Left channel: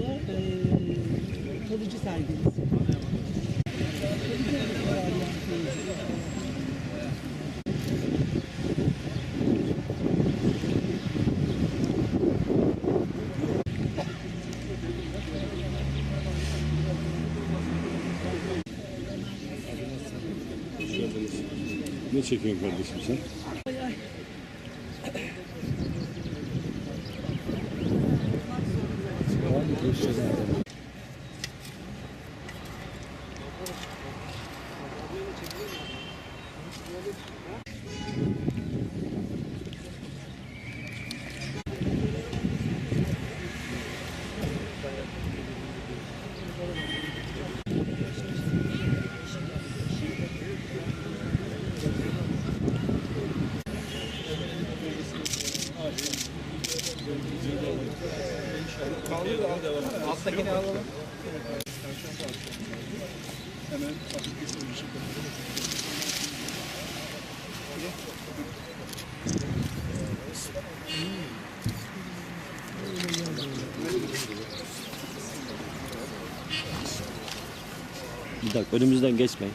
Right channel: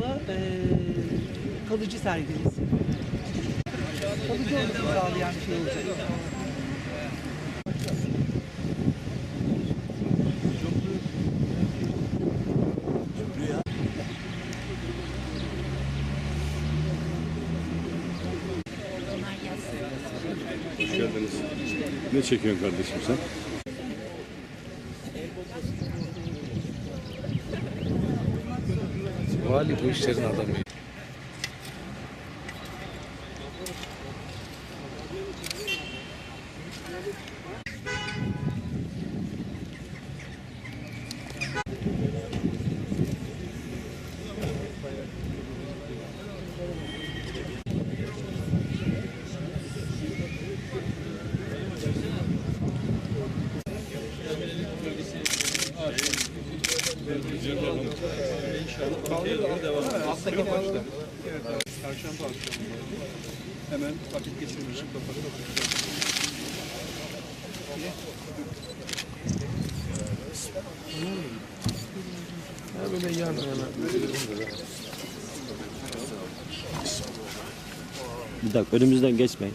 fazla e, kalıcı sergilisi. Kalıcı olmasını sağlayan bir şey olacak. Hoş geldiniz. Ne çekiyorsun kardeşim sen? Vali bu işlerin adamı. Hemen vakit geçirmişim. Bir dakika önümüzden geçmeyin.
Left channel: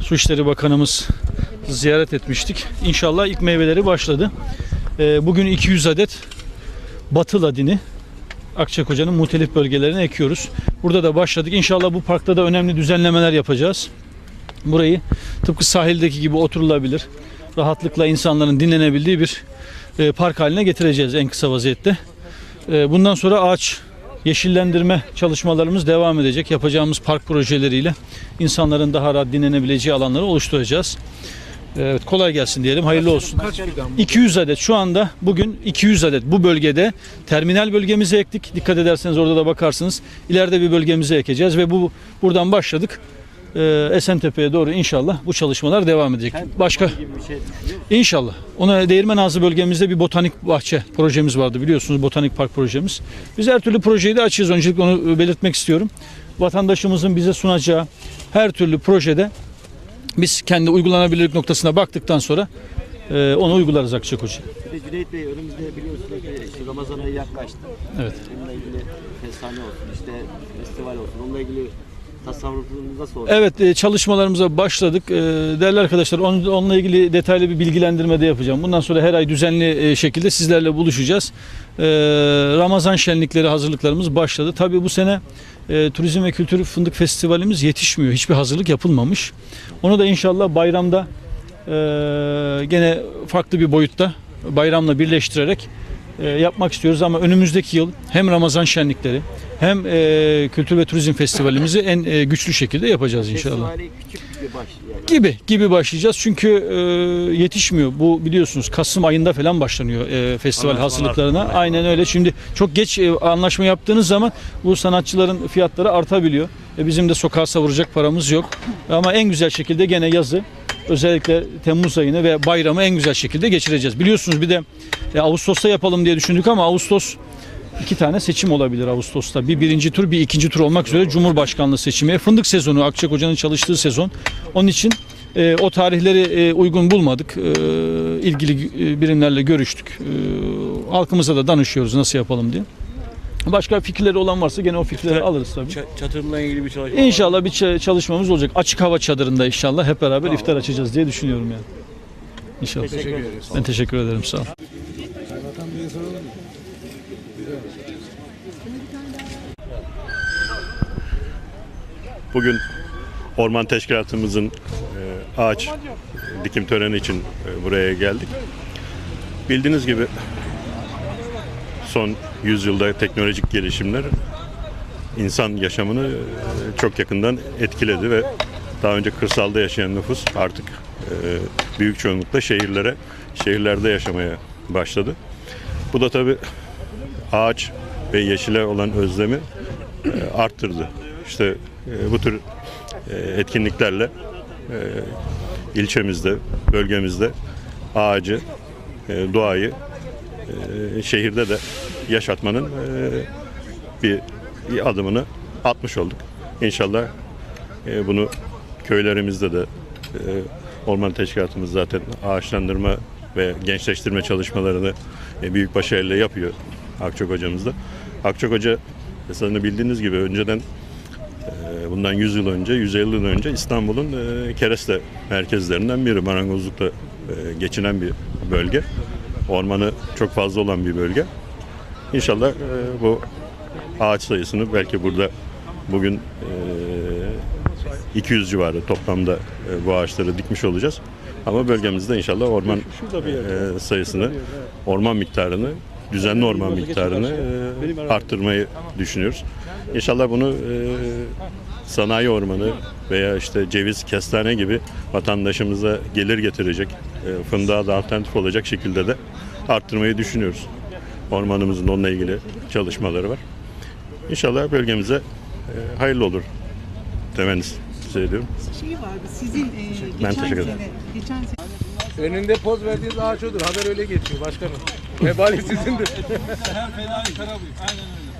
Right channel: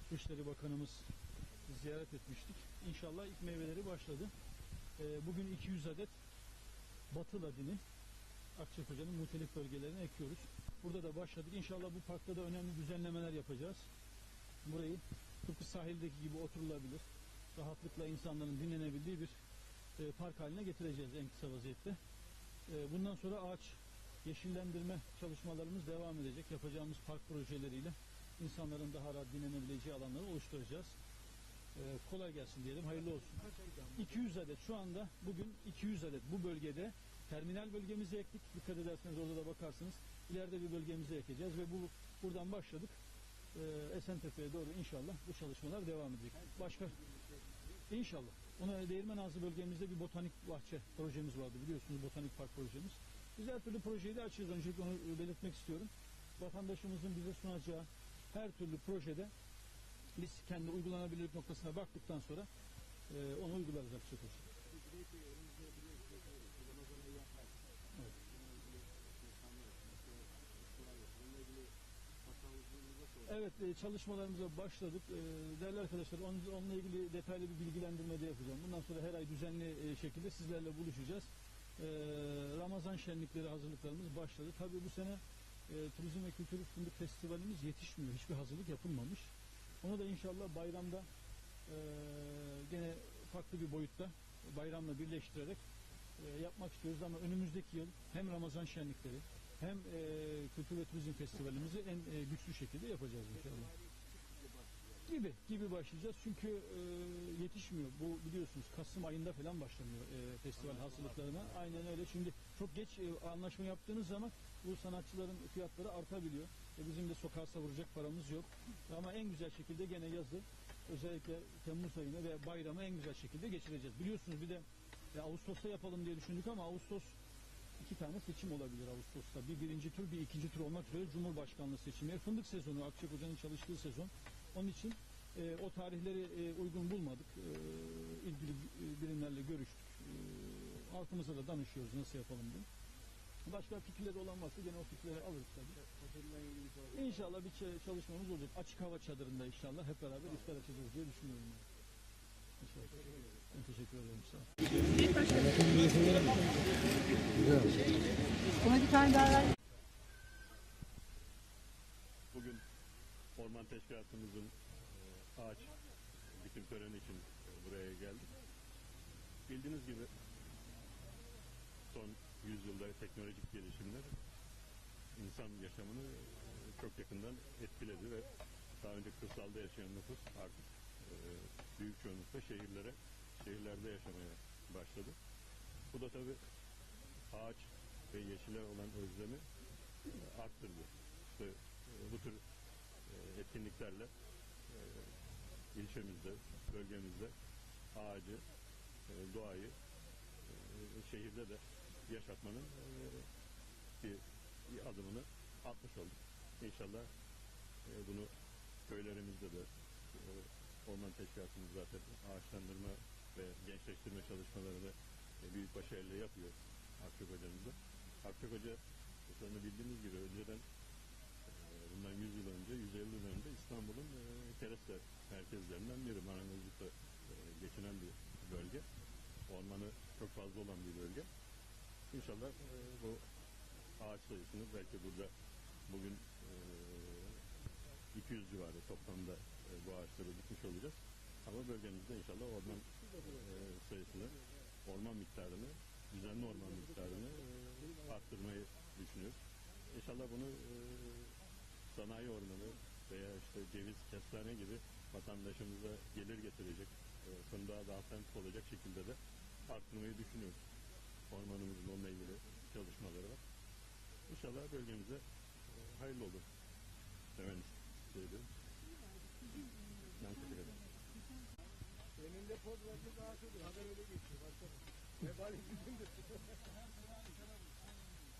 Su İşleri Bakanımız ziyaret etmiştik. İnşallah ilk meyveleri başladı. Ee, Bugün 200 adet batı ladini Akçakoca'nın muhtelif bölgelerine ekiyoruz. Burada da başladık. İnşallah bu parkta da önemli düzenlemeler yapacağız. Burayı tıpkı sahildeki gibi oturulabilir, rahatlıkla insanların dinlenebildiği bir e, park haline getireceğiz en kısa vaziyette. E, Bundan sonra ağaç yeşillendirme çalışmalarımız devam edecek. Yapacağımız park projeleriyle insanların daha rahat dinlenebileceği alanları oluşturacağız. Evet, kolay gelsin diyelim. Hayırlı olsun. 200 adet şu anda bugün 200 adet bu bölgede terminal bölgemize ektik. Dikkat ederseniz orada da bakarsınız. İleride bir bölgemize ekeceğiz ve bu buradan başladık. Ee, Esentepe'ye doğru inşallah bu çalışmalar devam edecek. Başka İnşallah. Ona Değirmen Ağzı bölgemizde bir botanik bahçe projemiz vardı biliyorsunuz botanik park projemiz. Biz her türlü projeyi de açığız. Öncelikle onu belirtmek istiyorum. Vatandaşımızın bize sunacağı her türlü projede biz kendi uygulanabilirlik noktasına baktıktan sonra e, onu uygularız Akçakoca. Bir de Cüneyt Bey önümüzde biliyorsunuz ki Ramazan ayı yaklaştı. Evet. Bununla ilgili fesane olsun, işte festival olsun. Onunla ilgili olur? Evet e, çalışmalarımıza başladık. E, Değerli arkadaşlar on- onunla ilgili detaylı bir bilgilendirme de yapacağım. Bundan sonra her ay düzenli e, şekilde sizlerle buluşacağız. Ramazan şenlikleri hazırlıklarımız başladı. Tabii bu sene Turizm ve Kültür Fındık Festivalimiz yetişmiyor. Hiçbir hazırlık yapılmamış. Onu da inşallah bayramda gene farklı bir boyutta bayramla birleştirerek yapmak istiyoruz ama önümüzdeki yıl hem Ramazan şenlikleri hem e, Kültür ve Turizm Festivalimizi en e, güçlü şekilde yapacağız inşallah. Gibi gibi başlayacağız çünkü e, yetişmiyor. Bu biliyorsunuz Kasım ayında falan başlanıyor e, festival hazırlıklarına. Aynen öyle. Şimdi çok geç e, anlaşma yaptığınız zaman bu sanatçıların fiyatları artabiliyor. E, bizim de sokağa savuracak paramız yok. Ama en güzel şekilde gene yazı özellikle Temmuz ayını ve bayramı en güzel şekilde geçireceğiz. Biliyorsunuz bir de e, Ağustos'ta yapalım diye düşündük ama Ağustos iki tane seçim olabilir Ağustos'ta. Bir birinci tur, bir ikinci tur olmak üzere Cumhurbaşkanlığı seçimi. Fındık sezonu, Akçakoca'nın çalıştığı sezon. Onun için e, o tarihleri e, uygun bulmadık. E, ilgili e, birimlerle görüştük. E, halkımıza da danışıyoruz nasıl yapalım diye. Başka fikirleri olan varsa gene o fikirleri alırız tabii. Çatırla ilgili bir çalışma İnşallah bir ç- çalışmamız olacak. Açık hava çadırında inşallah hep beraber iftar açacağız diye düşünüyorum yani. İnşallah. Teşekkür ederiz. Ben teşekkür ederim. Sağ ol. Bugün Orman Teşkilatımızın e, ağaç dikim töreni için e, buraya geldik. Bildiğiniz gibi son yüzyılda teknolojik gelişimler insan yaşamını e, çok yakından etkiledi ve daha önce kırsalda yaşayan nüfus artık e, büyük çoğunlukla şehirlere, şehirlerde yaşamaya başladı. Bu da tabii ağaç ve yeşile olan özlemi e, arttırdı. İşte bu tür etkinliklerle ilçemizde, bölgemizde ağacı, doğayı e, şehirde de yaşatmanın e, bir, adımını atmış olduk. İnşallah e, bunu köylerimizde de e, orman teşkilatımız zaten ağaçlandırma ve gençleştirme çalışmalarını e, büyük başarıyla yapıyor Akçok hocamız da. Akçok hoca esasında bildiğiniz gibi önceden bundan 100 yıl önce, 150 yıl önce İstanbul'un e, kereste merkezlerinden biri. Marangozlukla geçinen bir bölge. Ormanı çok fazla olan bir bölge. İnşallah e, bu ağaç sayısını belki burada bugün e, 200 civarı toplamda e, bu ağaçları dikmiş olacağız. Ama bölgemizde inşallah orman e, sayısını, orman miktarını, düzenli orman miktarını e, arttırmayı düşünüyoruz. İnşallah bunu e, sanayi ormanı veya işte ceviz, kestane gibi vatandaşımıza gelir getirecek, e, fındığa da alternatif olacak şekilde de arttırmayı düşünüyoruz. Ormanımızın onunla ilgili çalışmaları var. İnşallah bölgemize e, hayırlı olur temennisi ediyorum. Şey vardı sizin e, Ben geçen teşekkür sene, ederim. geçen sene Önünde poz verdiğiniz ağaç odur. Haber öyle geçiyor başkanım. Vebali sizindir. Hem fena kara bu. Aynen öyle.